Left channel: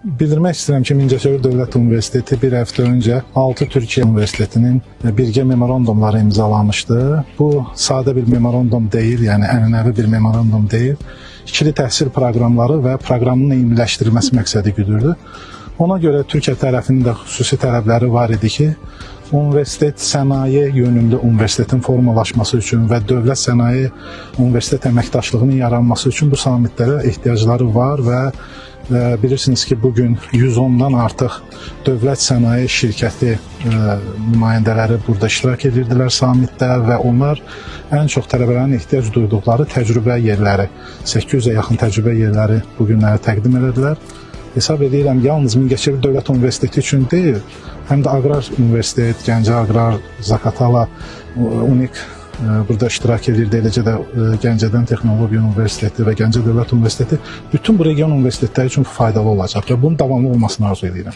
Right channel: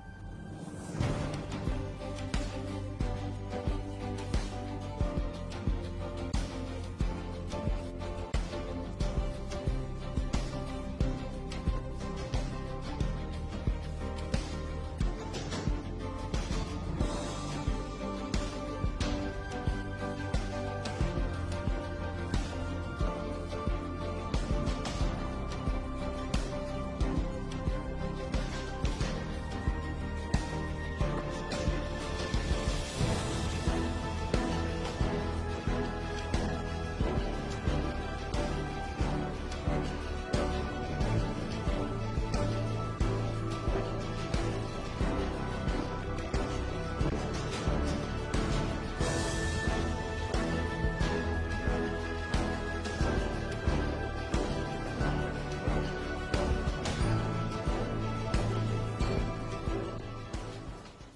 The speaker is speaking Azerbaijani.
Bildirmək istəyirəm ki, Mingəçevir Dövlət Universiteti bir həftə öncə 6 Türkiyə Universitetinin birgə memorandumları imzalamışdı. Bu sadə bir memorandum deyil, yəni ənənəvi bir memorandum deyil. İkili təhsil proqramları və proqramın eyniləşdirilməsi məqsədi güdürdü. Ona görə Türkiyə tərəfinin də xüsusi tələbləri var idi ki, universitet sənaye yönümlü universitetin formalaşması üçün və dövlət sənaye universitet əməkdaşlığının yaranması üçün bu sammitlərə ehtiyacları var və bilirsiniz ki, bugün 110-dan artıq dövlət sənaye şirkəti nümayəndələri burada iştirak edirdilər sammitdə və onlar ən çox tələbələrin ehtiyac duyduqları təcrübə yerləri, 800-ə yaxın təcrübə yerləri bu günləri təqdim edildilər. Hesab edirəm, yalnız Mingəçevir Dövlət Universiteti üçün deyil, həm də Aqrar Universitet, Gəncə Aqrar, Zaqatala, UNIK burada iştirak edirdi, eləcə də Gəncədən Texnologiya Universiteti və Gəncə Dövlət Universiteti bütün bu region universitetləri üçün faydalı olacaq və bunun davamlı olmasını arzu edirəm.